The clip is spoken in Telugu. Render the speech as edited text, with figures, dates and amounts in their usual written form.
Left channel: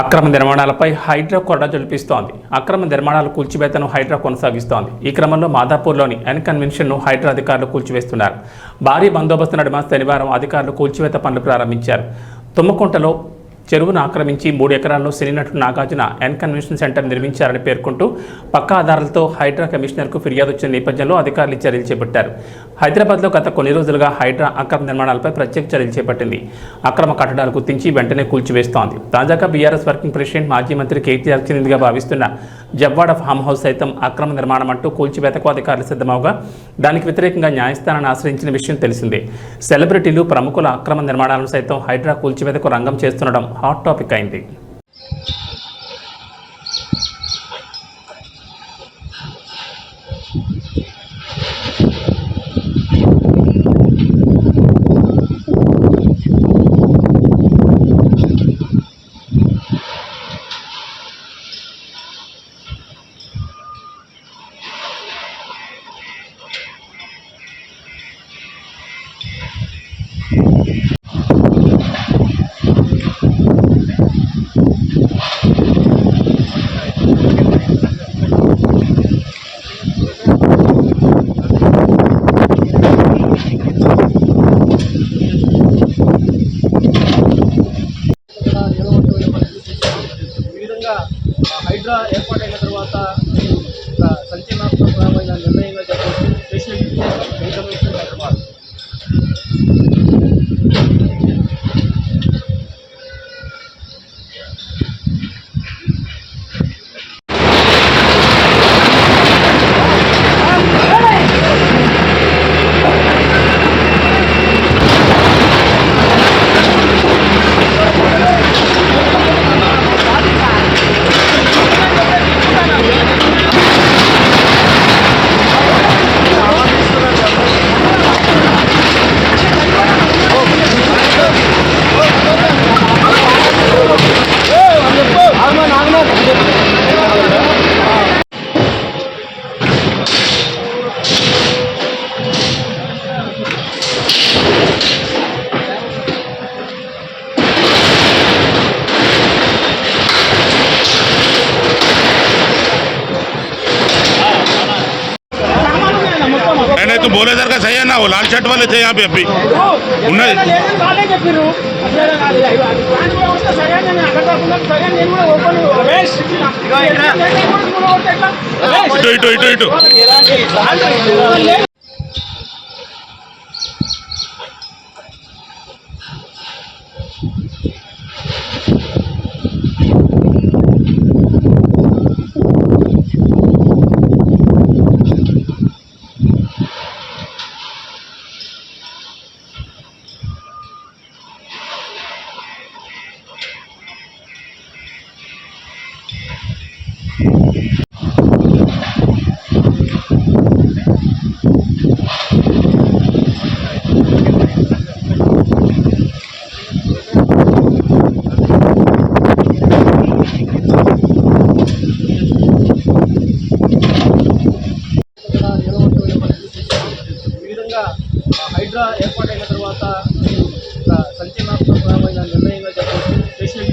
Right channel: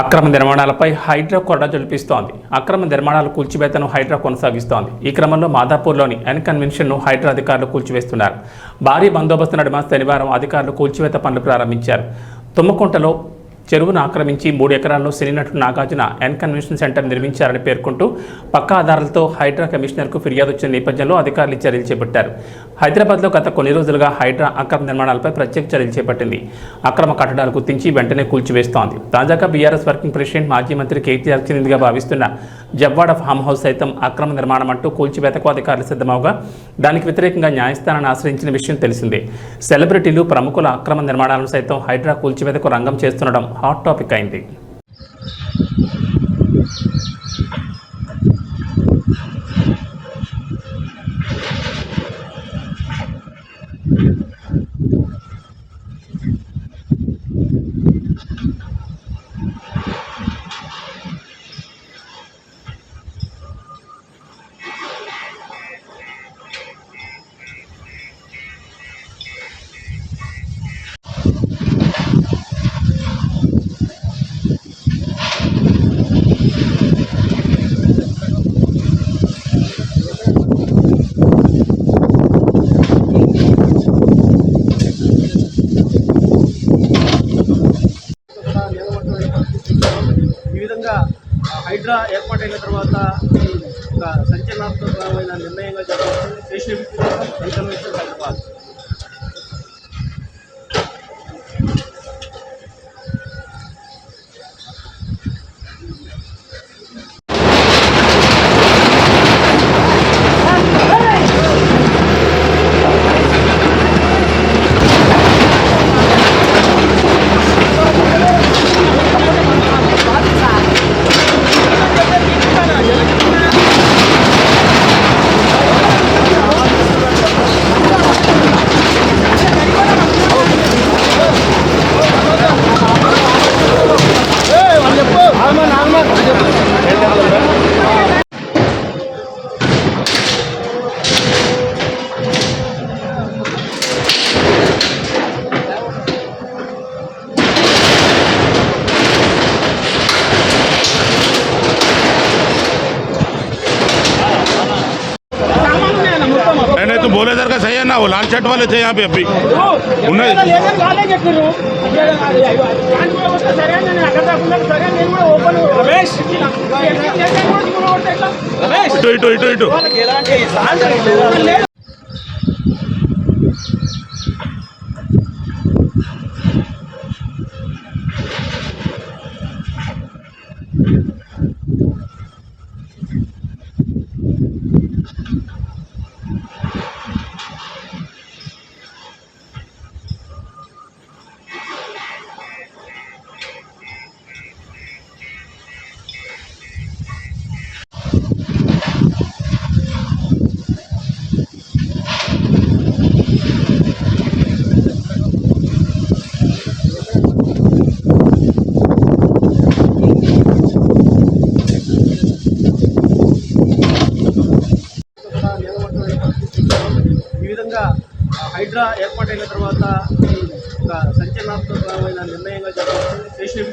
అక్రమ నిర్మాణాలపై హైడ్రా కొరడా జల్పిస్తోంది. అక్రమ నిర్మాణాలు కూల్చివేతను హైడ్రా కొనసాగిస్తోంది. ఈ క్రమంలో మాదాపూర్లోని ఎన్ కన్వెన్షన్ను హైడ్రా అధికారులు కూల్చివేస్తున్నారు. భారీ బందోబస్తు నడుమ శనివారం అధికారులు కూల్చివేత పనులు ప్రారంభించారు. తుమ్మకుంటలో చెరువును ఆక్రమించి 3 ఎకరాల్లో సినీ నటుడు నాగార్జున ఎన్ కన్వెన్షన్ సెంటర్ నిర్మించారని పేర్కొంటూ పక్కా ఆధారాలతో హైడ్రా కమిషనర్కు ఫిర్యాదు వచ్చిన నేపథ్యంలో అధికారులు చర్యలు చేపట్టారు. హైదరాబాద్లో గత కొన్ని రోజులుగా హైడ్రా అక్రమ నిర్మాణాలపై ప్రత్యేక చర్యలు చేపట్టింది. అక్రమ కట్టడాలు గుర్తించి వెంటనే కూల్చివేస్తోంది. తాజాగా బీఆర్ఎస్ వర్కింగ్ ప్రెసిడెంట్ మాజీ మంత్రి కేటీఆర్ చెందినదిగా భావిస్తున్న జవ్వాడ ఫామ్ హౌస్ సైతం అక్రమ నిర్మాణం అంటూ కూల్చివేతకు అధికారులు సిద్ధమవగా దానికి వ్యతిరేకంగా న్యాయస్థానాన్ని ఆశ్రయించిన విషయం తెలిసిందే. సెలబ్రిటీలు, ప్రముఖుల అక్రమ నిర్మాణాలను సైతం హైడ్రా కూల్చివేతకు రంగం చేస్తుండడం హాట్ టాపిక్ అయింది. హైడ్రా ఏర్పాటైన తర్వాత సంచలనాత్మకమైన నిర్ణయంగా చెప్పవచ్చు. नहीं तो बोले सर का सही है ना, वो लाल शर्ट वाले थे यहाँ पे अभी उन्हें इटो इटो इटो హైడ్రా ఏర్పాటైన తర్వాత సంచలనాత్మకమైన నిర్ణయంగా చెప్పవచ్చు.